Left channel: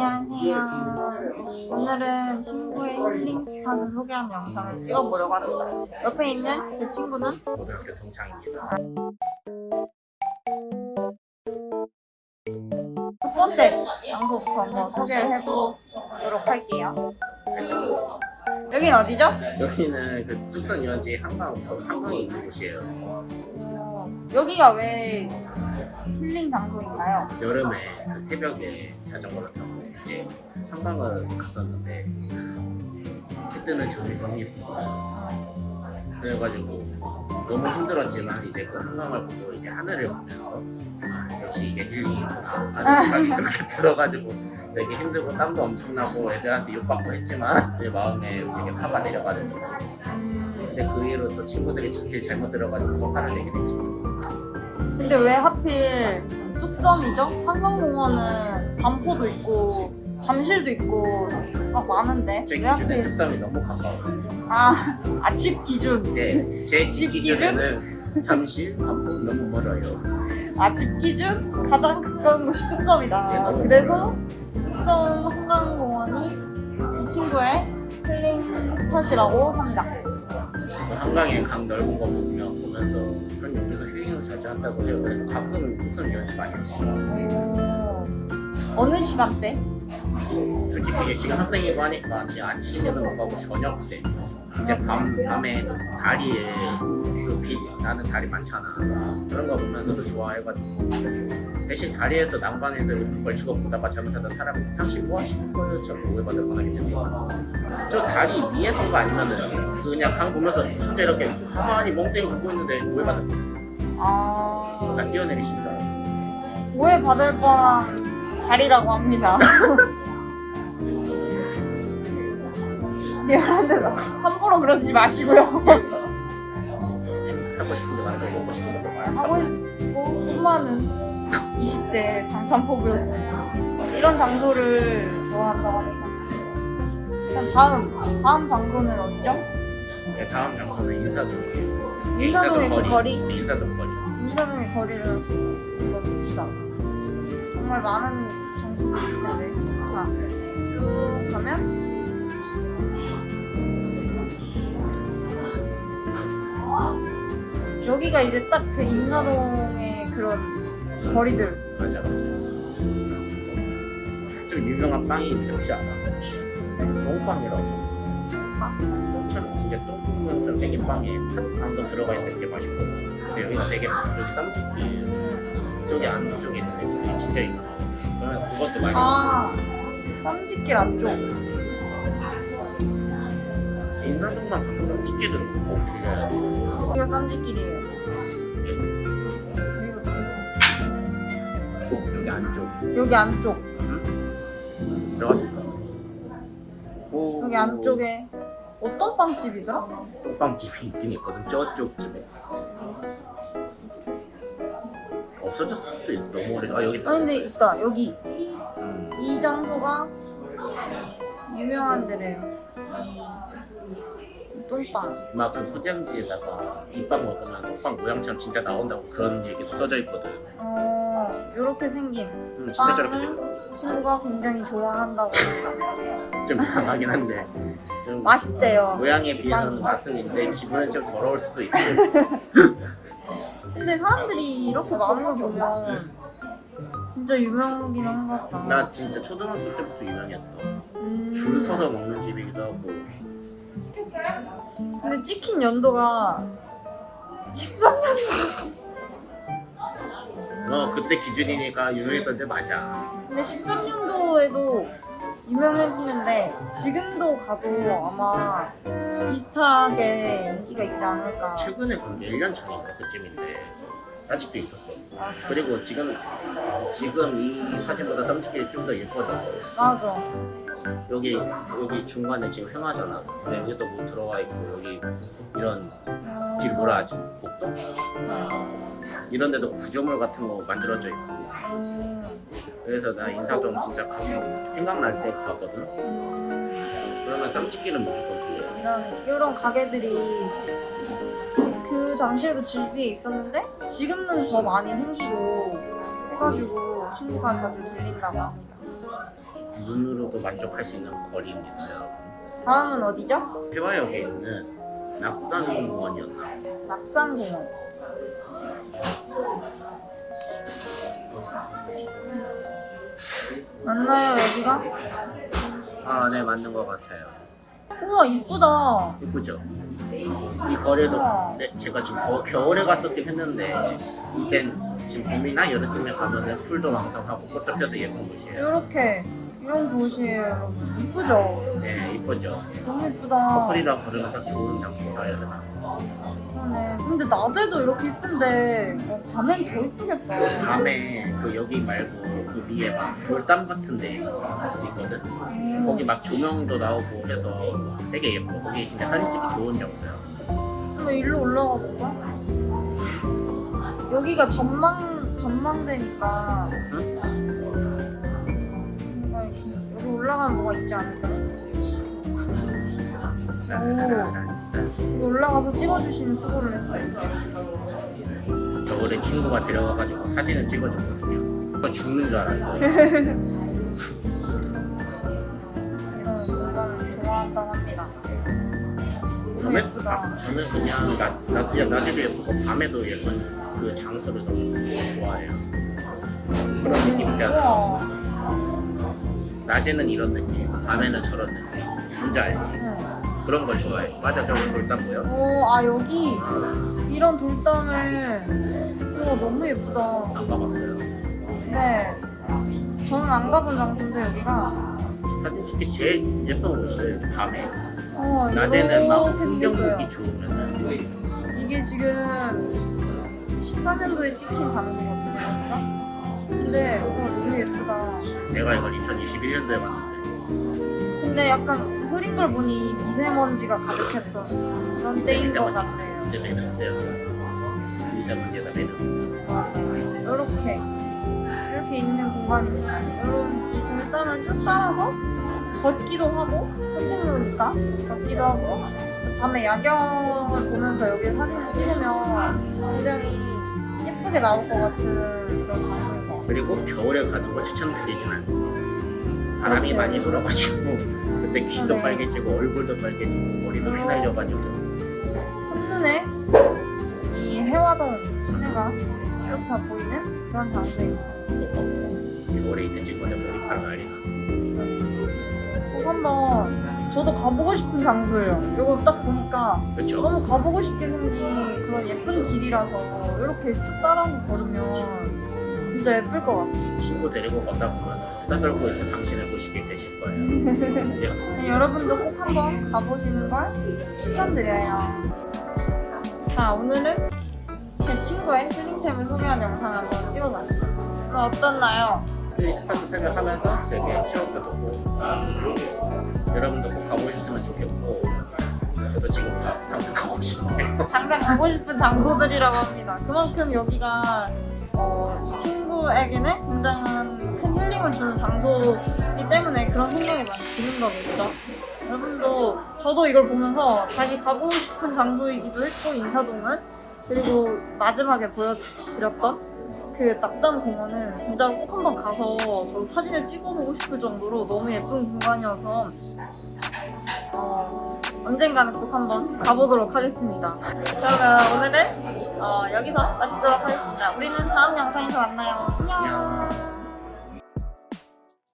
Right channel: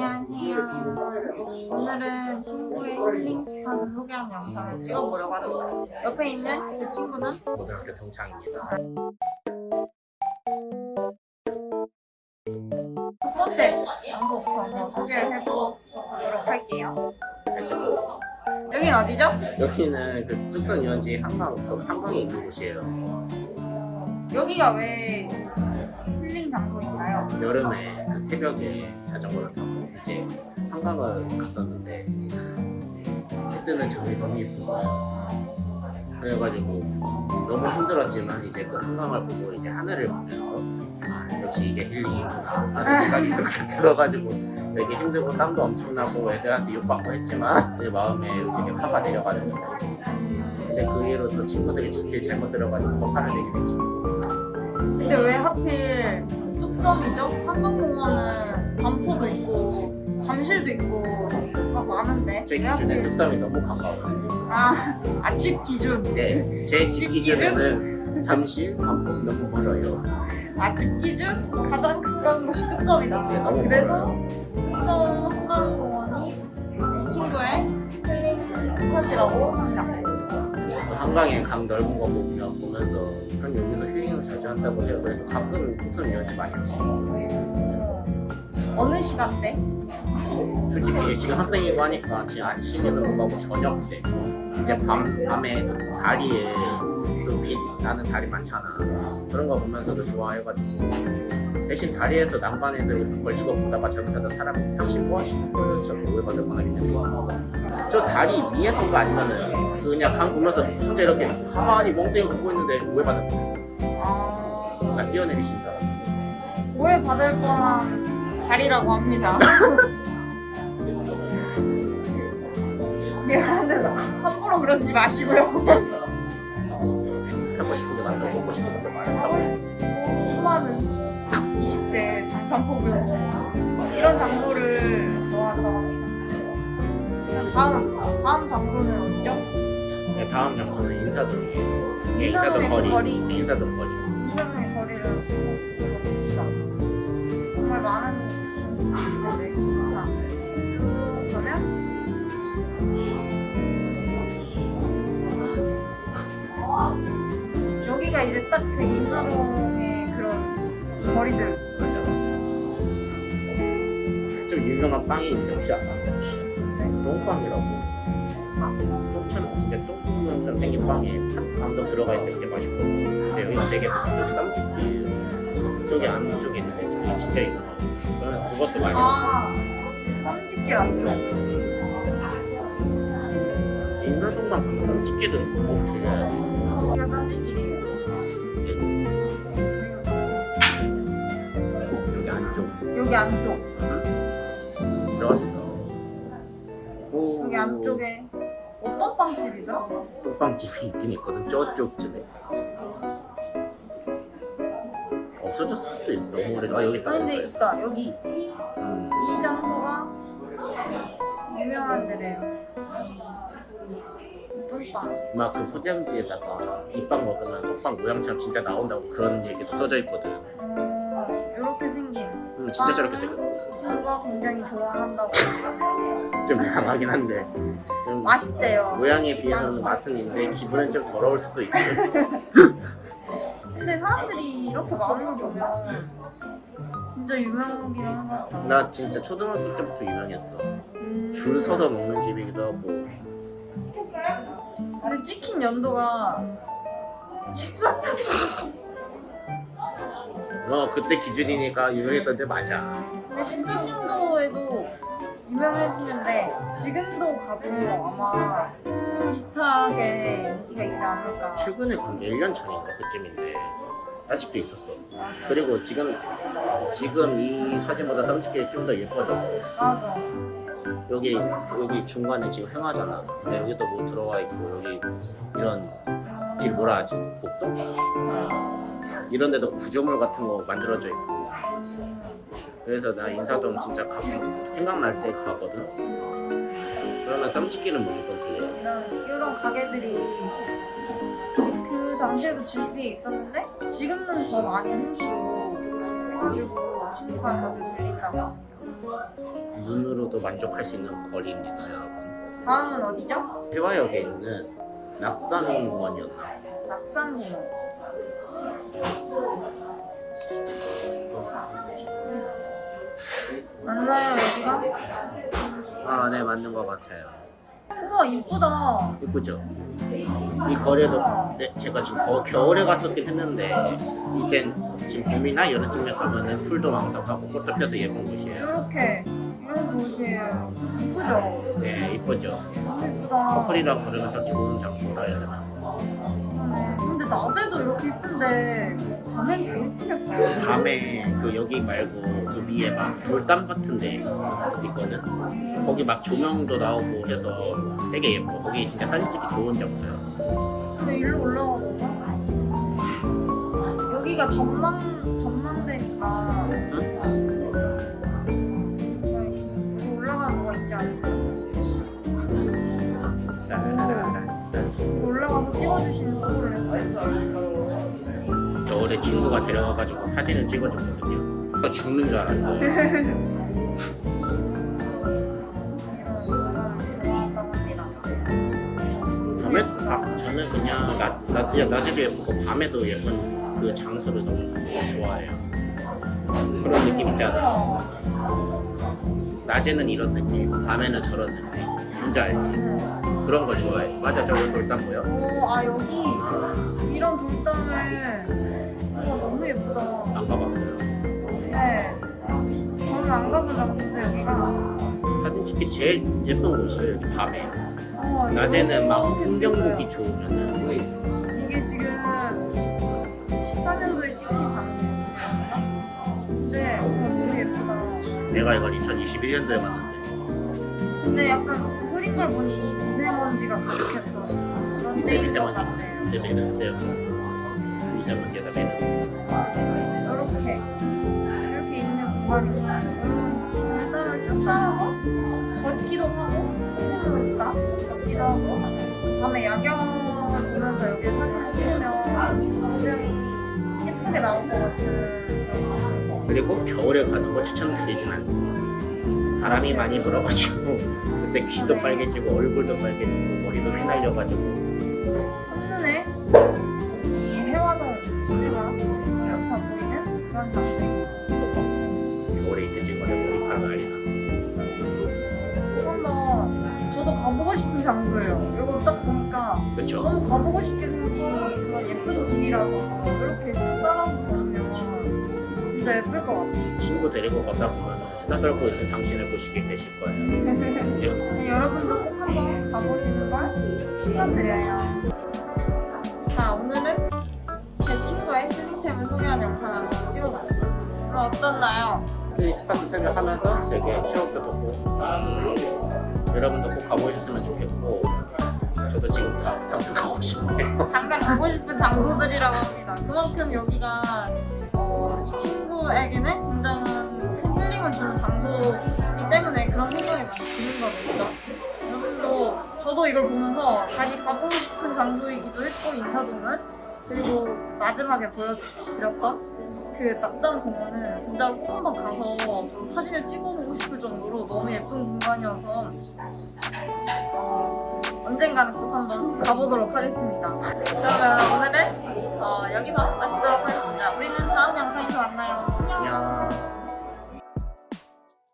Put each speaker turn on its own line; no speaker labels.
안녕하세요. 오늘은 친구의 힐링 스팟을 소개하는 영상을 찍어보려고 합니다. 옆에 있는 제 친구는
고등학교 동창입니다.
첫 번째 장소부터 한번 소개를 해보도록 할게요.
그래서
여긴 어디죠?
여기는 그 뚝섬 유원지 한강 그 한강에 있는 곳이에요.
어, 여기가 왜 힐링 장소인가요?
여름에 그 새벽에 자전거를 타고 이제 한강을 갔었는데 해 뜨는 저이 너무 거예요. 그래가지고 너무 힘들었지만 이제 그 한강을 보고 이제 하늘을 보면서 아 역시 이게 힐링이구나 하는 생각이 그렇게 들어가지고 되게 힘들고 땀도 엄청나고 애들한테 욕받고 했지만 내 마음에 되게 화가 내려가는 거죠. 근데 그 이후로 또 친구들이 길 잘못 들어가지고 또 화를 내게 됐지.
근데 왜 하필 뚝섬이죠? 한강공원은 반포도 있고 잠실도 있고 막 많은데
제
왜
기준에
하필
뚝섬이 너무 가까워요.
아, 아집 기준
네, 제집
집
기준에는 잠실, 반포 너무 멀어요.
아, 집 기준 가장 가까운 곳이
네,
뚝섬이다.
너무
그래서 뚝섬 한강공원이 이 친구의 힐링 스팟이라고 합니다.
그 한강에 강 넓은 거 보면 보면서 그런 여기서 자주 한다고 해요. 그래서 가끔 뚝섬 유원지 많이.
오, 어느 시간대?
솔직히 지금 학생이고 하니까 지금 아침에는 못 가고 저녁 때 이제 밤 밤에 또 다리에 그빛 나는 다리 많잖아. 그런 거 보면서도 좋아해가지고 대신 다리에서 이렇게 걸치고 보다가 잘못하다 사람이 당신 뭐 하시는 거예요? 저거 오해받을 뻔하기 때문에 저 다리 위에 선거 아니면은 그냥 강 보면서 혼자 이렇게 가만히 멍청이 걷고 있는데 오해받을 뻔했어.
아,
나 뛰어내리신 줄 알았어.
오해 받을 뻔한 다리라고 합니다. 미안한데도 함부로 그러지 마시고요.
하고 싶은 게 많고 먹고 싶은 것도
하고
많고
싶고 꿈많은 20대 당찬포부였습니다. 이런 장소를 좋아한다고 합니다. 그럼 다음 다음 장소는 어디죠?
네, 다음 장소는 인사동.
인사동의 그 거리.
인사동 거리.
인사동의 거리를 봅시다. 정말 많은 장소들이 있을 텐데. 자, 그러면 여기가 이제 딱 그 인사동의 그런 거리들.
맞아 맞아. 좀 유명한 빵이 있는데 혹시 알아? 똥빵이라고. 똥구멍처럼 생긴 빵에 팥빵도 들어가 있는데 되게 맛있거든. 근데 여기가 되게 여기 쌈짓길 쪽에 안쪽에 되게 진짜. 그래서 그것도 많이.
아, 쌈짓길 안쪽.
인사동만 가면 쌈짓길은 꼭 돼.
여기가 쌈짓길이에요.
여기 안쪽
여기 안쪽.
들어갈 수 있어. 오.
여기 안쪽에 어떤 빵집이더라?
똥빵집이 있긴 있거든 저쪽쯤에 없어졌을 수도 있어 너무 오래 아 여기 있다
그런데
여기 있다.
있다. 여기
음.
이 장소가 유명한 데래요. 이 똥빵.
막그 포장지에다가 이빵 먹으면 똥빵 모양처럼 진짜 나온다고 그런 얘기도 써져 있거든
어, 이렇게 생긴
음, 진짜 저렇게 생겼어
친구가 굉장히 좋아한다고 합니다.
좀 이상하긴 한데 좀
맛있대요.
모양에 비해서는
맛있-
맛은 있는데 기분은 좀 더러울 수도 있어
근데 사람들이 이렇게 걸 보면 진짜 유명하긴 한 것 같다.
나 진짜 초등학교 때부터 유명했어
음.
줄 서서 먹는 집이기도 하고
근데 찍힌 연도가 13년.
어 그때 기준이니까 유명했던 데 맞아
근데 13년도에도 유명했는데 지금도 가도 아마 비슷하게 인기가 있지 않을까.
최근에 그 1년 전인가 그쯤인데 아직도 있었어. 그리고 지금 지금 이 사진보다 쌈짓길이 좀 더 예뻐졌어.
맞아.
여기 여기 중간에 지금 행하잖아. 근데 여기도 뭐 들어와 있고 여기 이런 길 뭐라 하지? 복도? 이런 데도 구조물 같은 거 만들어져 있고.
음,
그래서 나 인사동 진짜 가끔 생각날 때 가거든. 그러면 쌈짓길은 무조건 들려.
이런 이런 가게들이 지- 그 당시에도 질비에 있었는데 지금은 더 많이 생기고 해가지고 친구가 자주 들린다고 합니다.
눈으로도 만족할 수 있는 거리입니다, 여러분.
다음은 어디죠?
해화역에 있는 낙산공원이었나?
낙산공원. 맞나요 여기가?
아, 네, 맞는 것 같아요.
우와 이쁘다.
예쁘죠? 이 거리도
우와.
네, 제가 지금 겨, 겨울에 갔었긴 했는데 이젠 지금 봄이나 여름쯤에 가면은 풀도 왕성하고 꽃도 펴서 예쁜 곳이에요.
이렇게 이런 곳이에요. 이쁘죠?
네, 이쁘죠?
너무 이쁘다.
커플이랑 걸으면 딱 좋은 장소라 해야 되나?
네. 근데 낮에도 이렇게 이쁜데 뭐 밤엔 더 이쁘겠다.
밤에 그 여기 말고 그 위에 막 돌담 같은 데 있거든?
음.
거기 막 조명도 나오고 해서 되게 예뻐. 거기 진짜 사진 찍기 좋은 장소야.
한번 일로 올라가 볼까? 여기가 전망 전망대니까 여기 올라가면 뭐가 있지 않을까요?
라라라라.
올라가서 찍어주시는 수고를 했어요.
겨울에 친구가 데려와가지고 사진을 찍어줬거든요. 저 죽는 줄 알았어요. 밤에. 밤, 저는 그냥 낮, 낮, 그냥 낮에도 예쁘고 밤에도 예쁜 그 장소를 너무 좋아해요. 그런 느낌 있잖아. 낮에는 이런 느낌, 밤에는 저런 느낌. 뭔지 알지?
응.
그런 걸 좋아해. 맞아, 저거 돌담 보여?
오, 아 여기
아,
이런 돌담을 오 너무 예쁘다.
안 가봤어요.
네. 저는 안 가본 장소인데 여기가.
사진 찍기 제일 예쁜 곳이에요, 여기 밤에.
어,
낮에는 막
이렇게
풍경보기
생겼어요.
좋으면은.
이게 지금 14년도에 찍힌. 여기가. 근데 어, 너무 예쁘다.
내가 이걸 2021년도에 봤는데.
근데 약간 걸 보니 미세먼지가 가득했던 그런 때인 것. 같네요.
이제 메르스 때였고. 미세먼지에다 메르스.
이렇게 이렇게 있는 공간입니다. 여러분 이 돌담을 쭉 따라서 걷기도 하고 산책로니까 걷기도 하고 밤에 야경을 보면서 여기 사진을 찍으면 굉장히 예쁘게 나올 것 같은 그런 것 같아요.
그리고 겨울에 가는 거 추천드리진 않습니다. 바람이 많이 불어가지고 그때 귀도
네.
빨개지고 얼굴도 빨개지고 머리도 휘날려가지고
한눈에 이 해화동 시내가 쭉다 보이는 그런 장소입니다.
겨울에 있는 친구들 머리카락 난리.
꼭 한번 저도 가보고 싶은 장소예요. 이거 딱 보니까
그렇죠?
너무 가보고 싶게 생긴 그런 예쁜 길이라서 이렇게 쭉 걸으면 진짜 예쁠 것 같아요.
친구 데리고 가다 보면 수다 떨고 있는 당신을 보시게 되실 거예요. 이제
여러분도 꼭 한번 가보시는 걸 추천드려요. 자, 오늘은 제 친구의 힐링템을 소개한 영상을 한번 찍어봤습니다. 오늘 어떻나요?
힐링 스파트 생각하면서 되게 취업도 좋고 여러분도 꼭 가보셨으면 좋겠고 저도 지금 다 당장 가고 싶네요.
당장 가고 싶은 장소들이라고 합니다. 그만큼 여기가 어, 이 친구에게는 굉장한 큰 힐링을 주는 장소이기 때문에 그런 생각이 많이 드는 거겠죠. 여러분도 저도 이걸 보면서 다시 가고 싶은 장소이기도 했고 인사동은 그리고 마지막에 보여드렸던 그 낙산 공원은 진짜 꼭 한번 가서 저 사진을 찍어보고 싶을 정도로 너무 예쁜 공간이어서 어, 언젠가는 꼭 한번 가보도록 하겠습니다. 그러면 오늘은 어, 여기서 마치도록 하겠습니다. 우리는 다음 영상에서 만나요. 안녕.
안녕.